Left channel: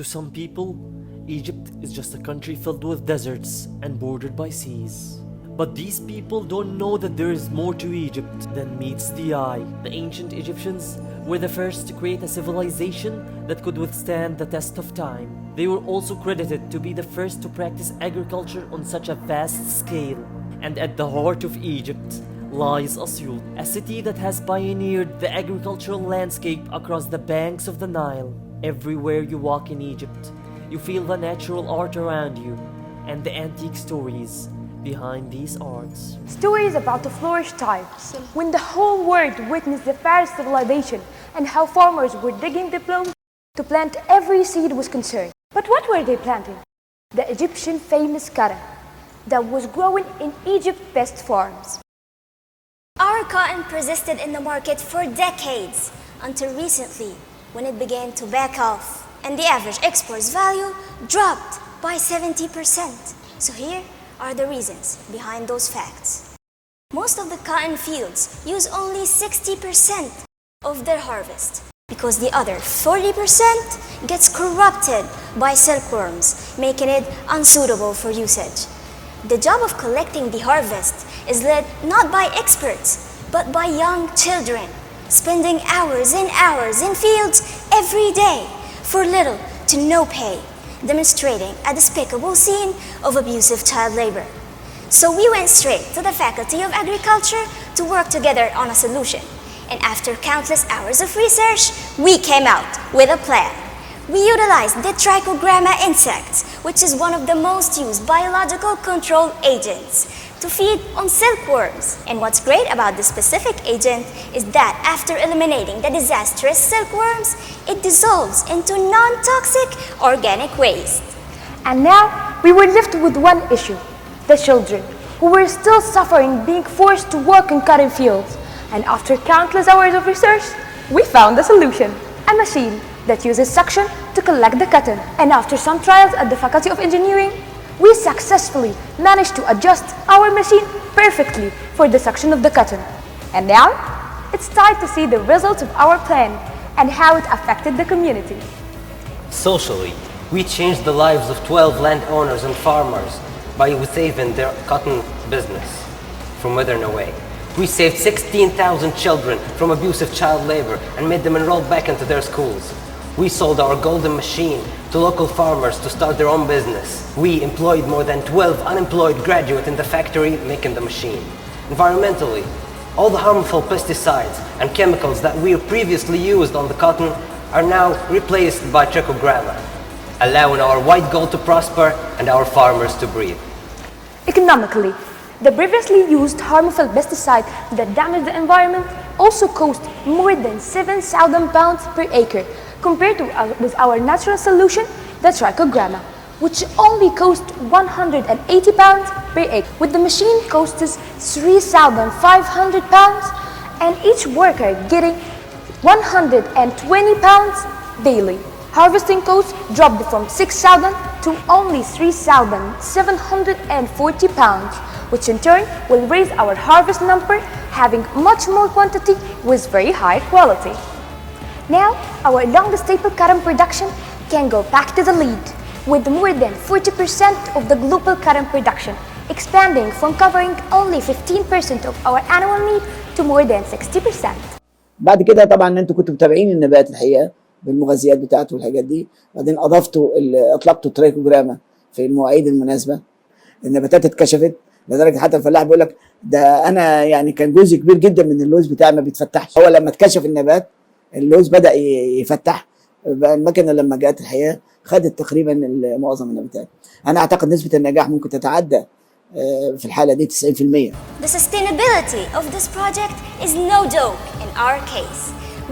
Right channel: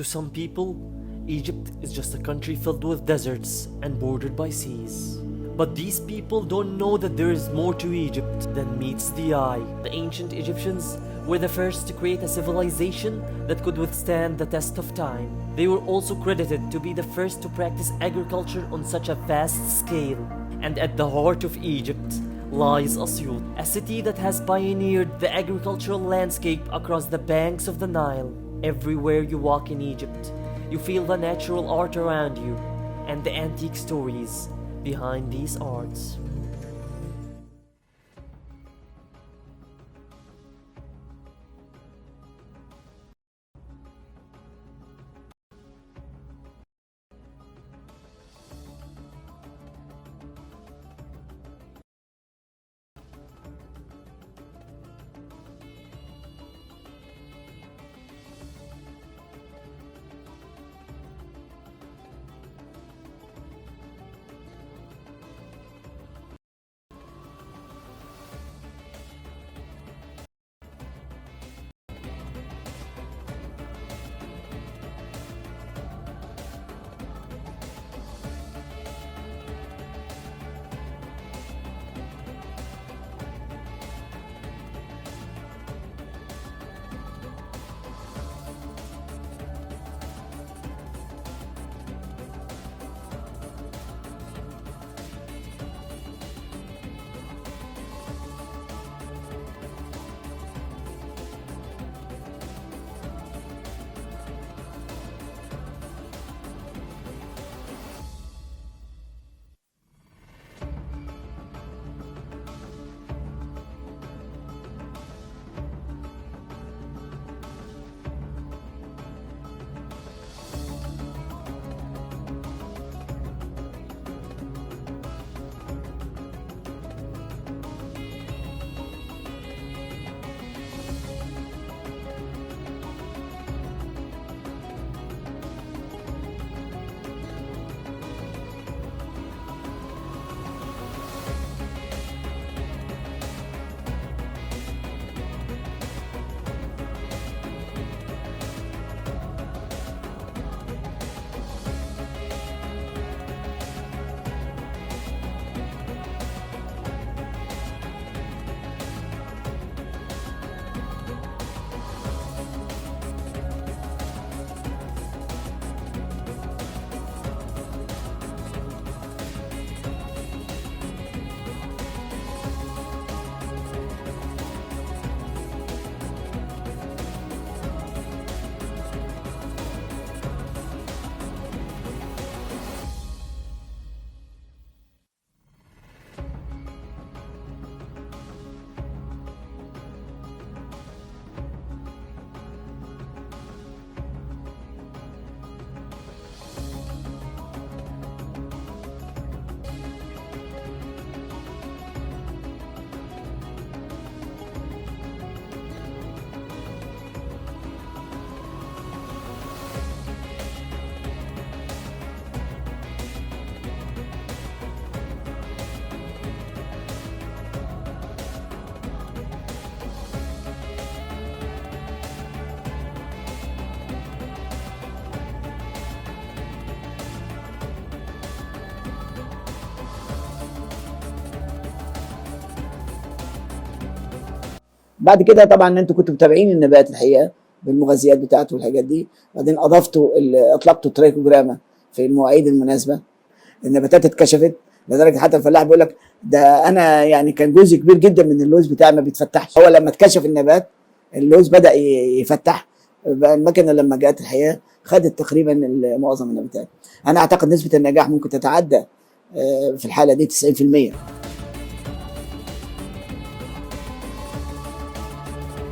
To some people, Egypt is just a country filled with deserts and bordered by seas. But these people don't know that there is more to Egypt than meets the eye. The ancient Egyptians were the first to create a civilization that could withstand the test of time. They were also credited to be the first to practice agriculture on such a vast scale. And at the heart of Egypt lies Asyut, a city that has pioneered the agricultural landscape across the banks of the Nile. Everywhere you walk in Egypt, you feel the natural art around you and the antique stories behind these arts. Stories about the flourish times, when the whole world witnessed the Pharaoh civilization and how farmers were digging the plough to plant every seed was concerned. But what were they planting? The Egyptian famous cotton that was growing in Egypt's best farms. Our cotton persisted in the market for decades until recently when it began to back off and the average exports value dropped by 70%. So here are the reasons behind those facts. Most of the cotton fields use only 60% of their harvest because the other 40% gets corrupted by silkworms, making it unsuitable for usage. The job of collecting the harvest is led not by experts, but by young children, spending hours and hours in fields every day for little to no pay, demonstrating a despicable scene of abusive child labor. So we went straight to the Faculty of Agriculture to work together on a solution. And after countless hours of research, we came out with a plan. We utilized the trichogramma insect, which is one of the most used biological control agents, to feed on silkworms. And what's great about this specific agent is that after eliminating the disastrous silkworms, it dissolves into non-toxic organic waste. And now we were left with one issue: the children, who were still suffering being forced to work in cotton fields. And after countless hours of research, we found a solution: a machine that uses suction to collect the cotton. And after some trials at the Faculty of Engineering, we successfully managed to adjust our machine perfectly for the suction of the cotton. And now, it's time to see the results of our plan and how it affected the community. Socially, we changed the lives of 12 landowners and farmers by saving their cotton business from withering away. We saved 16,000 children from abusive child labor and made them enroll back into their schools. We sold our golden machine to local farmers to start their own business. We employed more than 12 unemployed graduates in the factory making the machine. Environmentally, all the harmful pesticides and chemicals that we previously used on the cotton are now replaced by trichogramma, allowing our white gold to prosper and our farmers to breathe. Economically, the previously used harmful pesticide that damaged the environment also cost more than 7,000 pounds per acre, compared to with our natural solution, the trichogramma, which only cost 180 pounds per acre. With the machine costs 3,500 pounds, and each worker getting 120 pounds daily. Harvesting costs dropped from 6,000 to only 3,740 pounds, which in turn will raise our harvest number, having much more quantity with very high quality. Now, our long staple cotton production can go back to the lead, with more than 40% of the global cotton production, expanding from covering only 15% of our annual need to more than 60%. بعد كده طبعا انتوا كنتوا متابعين النبات الحقيقه بالمغذيات بتاعته والحاجات دي، بعدين اطلقتوا ترايكوجراما في المواعيد المناسبه. النباتات اتكشفت لدرجه حتى الفلاح بيقول لك ده انا يعني كان جزء كبير جدا من اللوز بتاعي ما بيتفتحش. هو لما اتكشف النبات اللوز بدا يفتح. المكنه لما جت الحقيقه خدت تقريبا معظم النباتات. انا اعتقد نسبه النجاح ممكن تتعدى في الحاله دي 90%. The sustainability of this project is no joke in our case.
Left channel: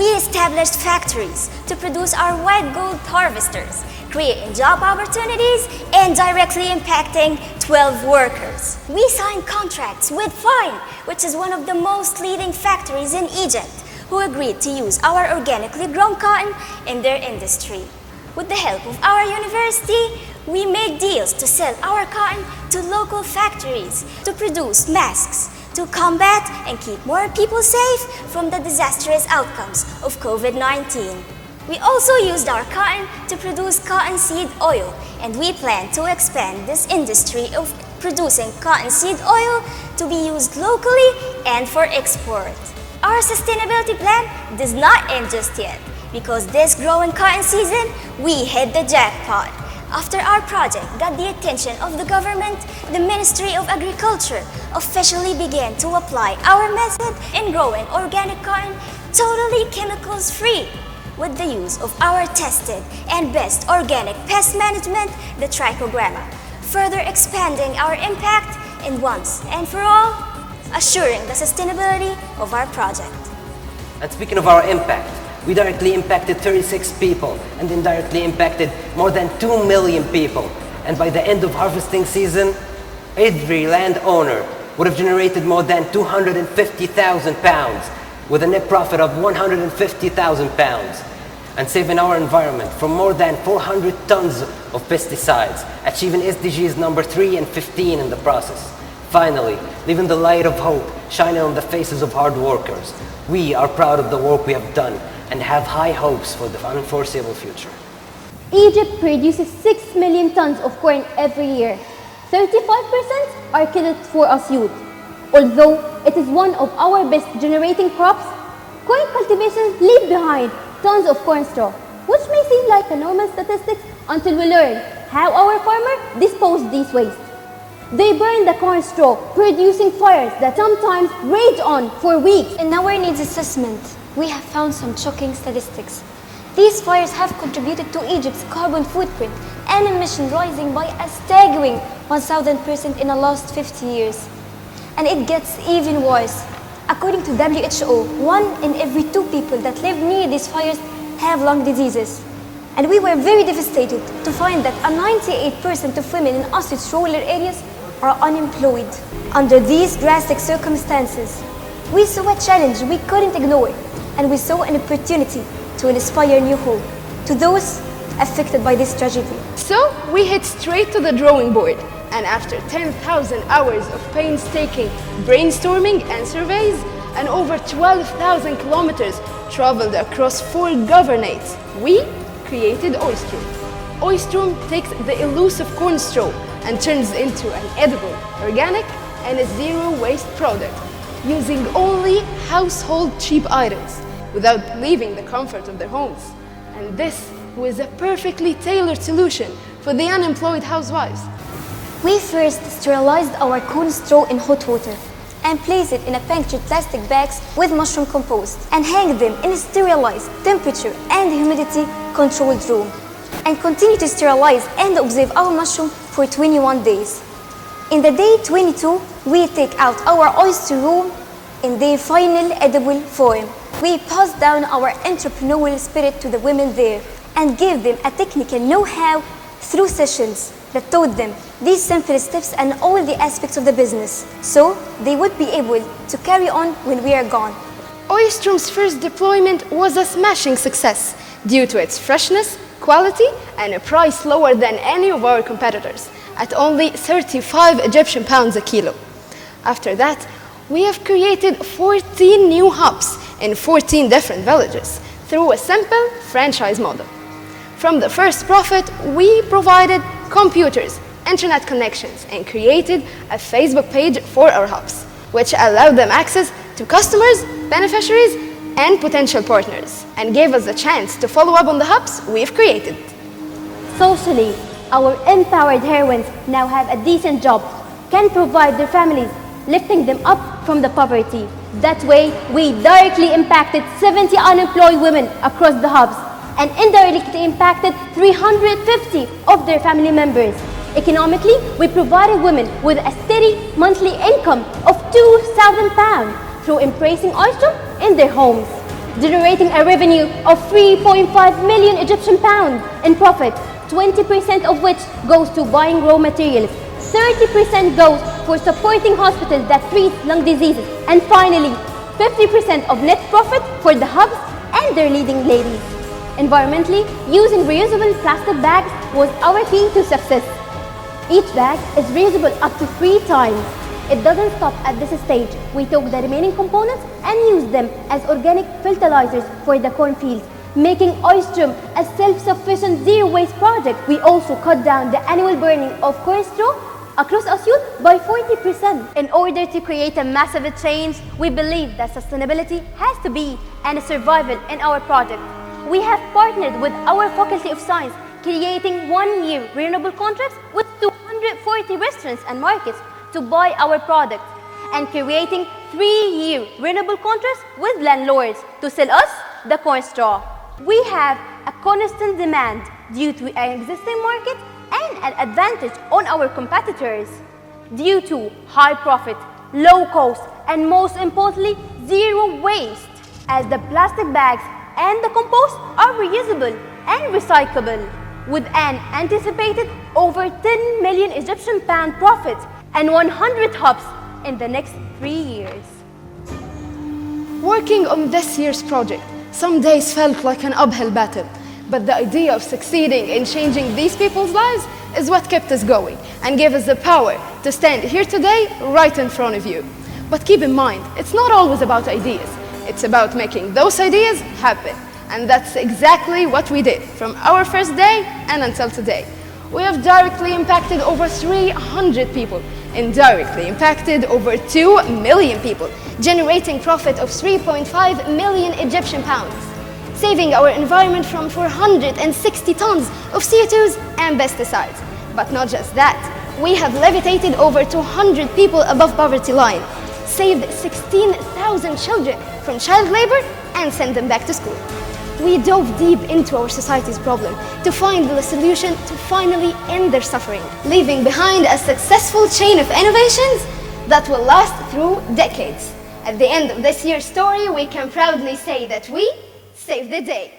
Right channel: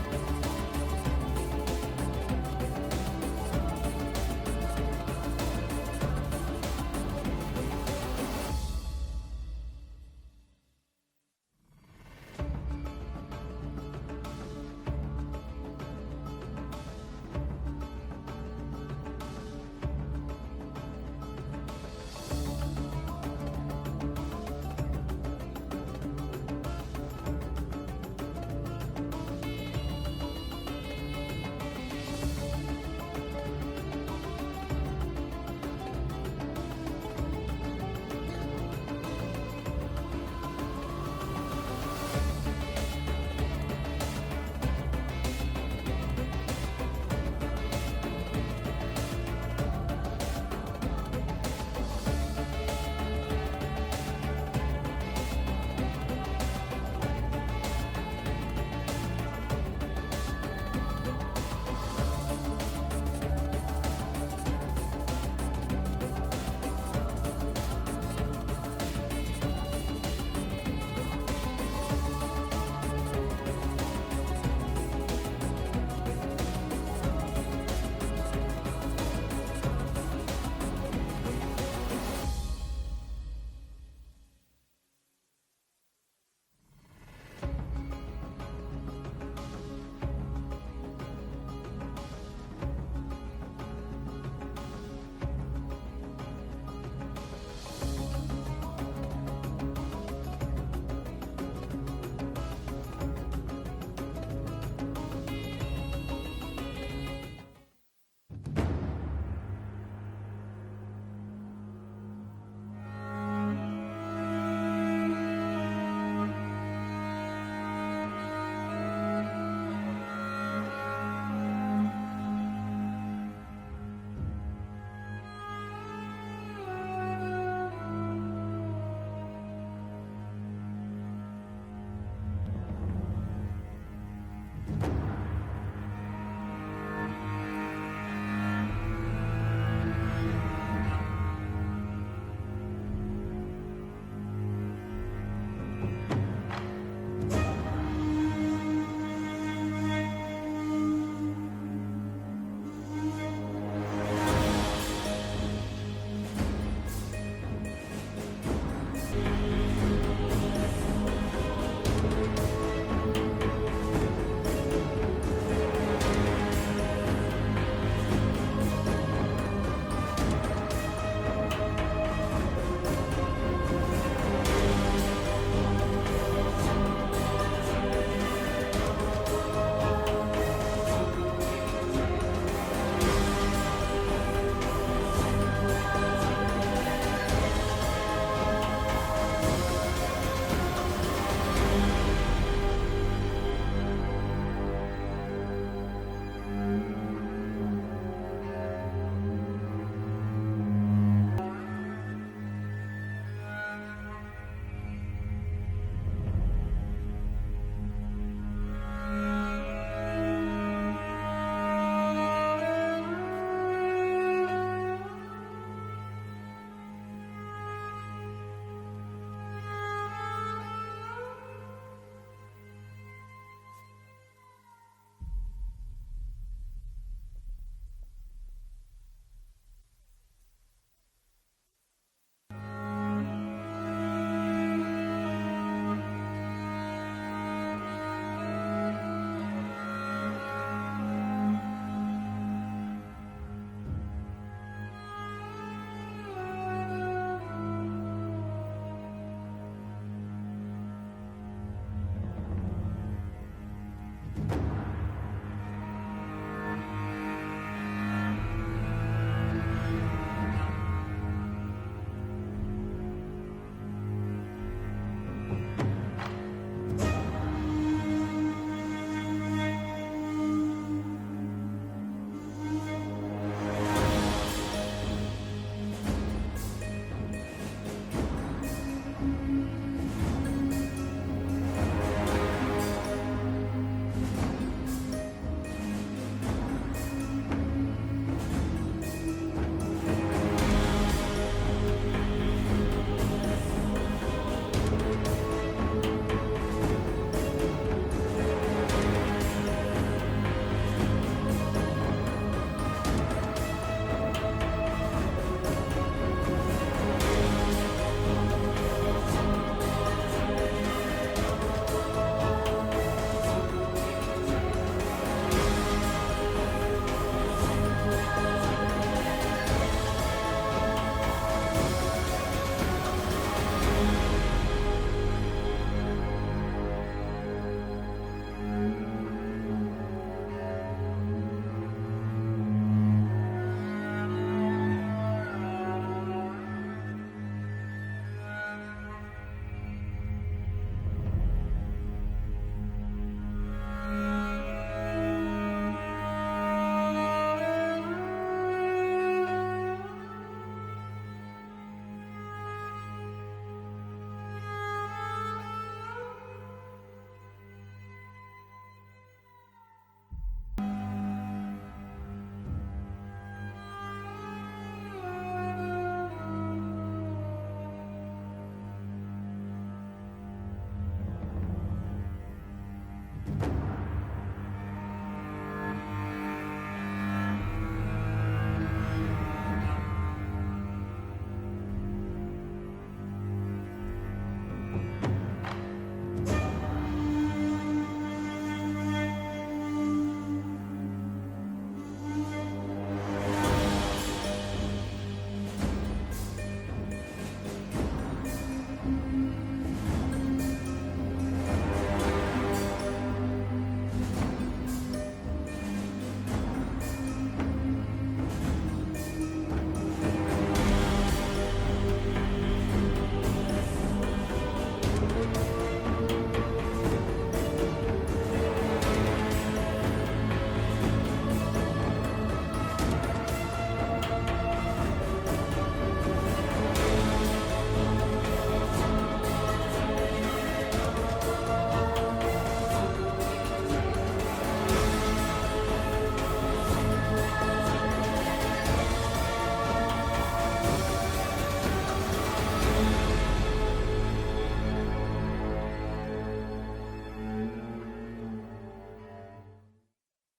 We established factories to produce our white gold harvesters, creating job opportunities and directly impacting 12 workers. We signed contracts with Fine, which is one of the most leading factories in Egypt, who agreed to use our organically grown cotton in their industry. With the help of our university, we made deals to sell our cotton to local factories to produce masks, to combat and keep more people safe from the disastrous outcomes of COVID-19. We also used our cotton to produce cotton seed oil, and we plan to expand this industry of producing cotton seed oil to be used locally and for export. Our sustainability plan does not end just yet, because this growing cotton season, we hit the jackpot. After our project got the attention of the government, the Ministry of Agriculture officially began to apply our method in growing organic cotton totally chemicals-free, with the use of our tested and best organic pest management, the trichogramma, further expanding our impact in once and for all, assuring the sustainability of our project. And speaking of our impact, we directly impacted 36 people and indirectly impacted more than 2 million people. And by the end of harvesting season, every landowner would have generated more than 250,000 pounds with a net profit of 150,000 pounds, and saving our environment from more than 400 tons of pesticides, achieving SDGs number 3 and 15 in the process. Finally, leaving the light of hope shining on the faces of hard workers. We are proud of the work we have done and have high hopes for the unforeseeable future. Egypt produces 6 million tons of corn every year. 35% are killed for Asyut. Although it is one of our best generating crops, corn cultivations leave behind tons of corn straw, which may seem like a normal statistic until we learn how our farmers dispose these waste. They burn the corn straw, producing fires that sometimes rage on for weeks. In our needs assessment, we have found some shocking statistics. These fires have contributed to Egypt's carbon footprint and emission rising by a staggering 1,000% in the last 50 years. And it gets even worse. According to WHO, 1 in every 2 people that live near these fires have lung diseases. And we were very devastated to find that 98% of women in Asyut's rural areas are unemployed. Under these drastic circumstances, we saw a challenge we couldn't ignore, and we saw an opportunity to inspire new hope to those affected by this tragedy. So we head straight to the drawing board, and after 10,000 hours of painstaking brainstorming and surveys, and over 12,000 kilometers traveled across 4 governorates, we created Oystrom. Oystrom takes the elusive corn straw and turns into an edible, organic, and a zero-waste product, using only household cheap items, without leaving the comfort of their homes. And this was a perfectly tailored solution for the unemployed housewives. We first sterilized our corn straw in hot water and placed it in a punctured plastic bags with mushroom compost and hang them in a sterilized temperature and humidity controlled room, and continue to sterilize and observe our mushroom for 21 days. In the day 22, we take out our oyster room in their final edible form. We pass down our entrepreneurial spirit to the women there and give them a technical know-how through sessions that taught them these simple steps and all the aspects of the business, so they would be able to carry on when we are gone. Oystrom's first deployment was a smashing success due to its freshness, quality, and a price lower than any of our competitors, at only 35 Egyptian pounds a kilo. After that, we have created 14 new hubs in 14 different villages through a simple franchise model. From the first profit, we provided computers, internet connections, and created a Facebook page for our hubs, which allowed them access to customers, beneficiaries, and potential partners, and gave us a chance to follow up on the hubs we've created. Socially, our empowered heroines now have a decent job, can provide their families, lifting them up from the poverty. That way, we directly impacted 70 unemployed women across the hubs and indirectly impacted 350 of their family members. Economically, we provided women with a steady monthly income of £2,000 through embracing oyster in their homes, generating a revenue of 3.5 million Egyptian pounds in profit, 20% of which goes to buying raw materials, 30% goes for supporting hospitals that treat lung diseases, and finally, 50% of net profit for the hubs and their leading ladies. Environmentally, using reusable plastic bags was our key to success. Each bag is reusable up to 3 times. It doesn't stop at this stage. We took the remaining components and used them as organic fertilizers for the cornfields, making Oystrom a self-sufficient zero-waste project. We also cut down the annual burning of corn straw across Asyut by 40%. In order to create a massive change, we believe that sustainability has to be and survival in our project. We have partnered with our Faculty of Science, creating 1-year renewable contracts with 240 restaurants and markets to buy our product, and creating 3-year renewable contracts with landlords to sell us the corn straw. We have a constant demand due to an existing market and an advantage on our competitors due to high profit, low cost, and most importantly, zero waste, as the plastic bags and the compost are reusable and recyclable, with an anticipated over 10 million Egyptian pound profit and 100 hubs in the next 3 years. Working on this year's project, some days felt like an uphill battle, but the idea of succeeding in changing these people's lives is what kept us going and gave us the power to stand here today right in front of you. But keep in mind, it's not always about ideas. It's about making those ideas happen. And that's exactly what we did from our first day and until today. We have directly impacted over 300 people, indirectly impacted over 2 million people, generating profit of 3.5 million Egyptian pounds, saving our environment from 460 tons of CO2s and pesticides. But not just that, we have levitated over 200 people above poverty line, saved 16,000 children from child labor and sent them back to school. We dove deep into our society's problem to find the solution to finally end their suffering, leaving behind a successful chain of innovations that will last through decades. At the end of this year's story, we can proudly say that we saved the day.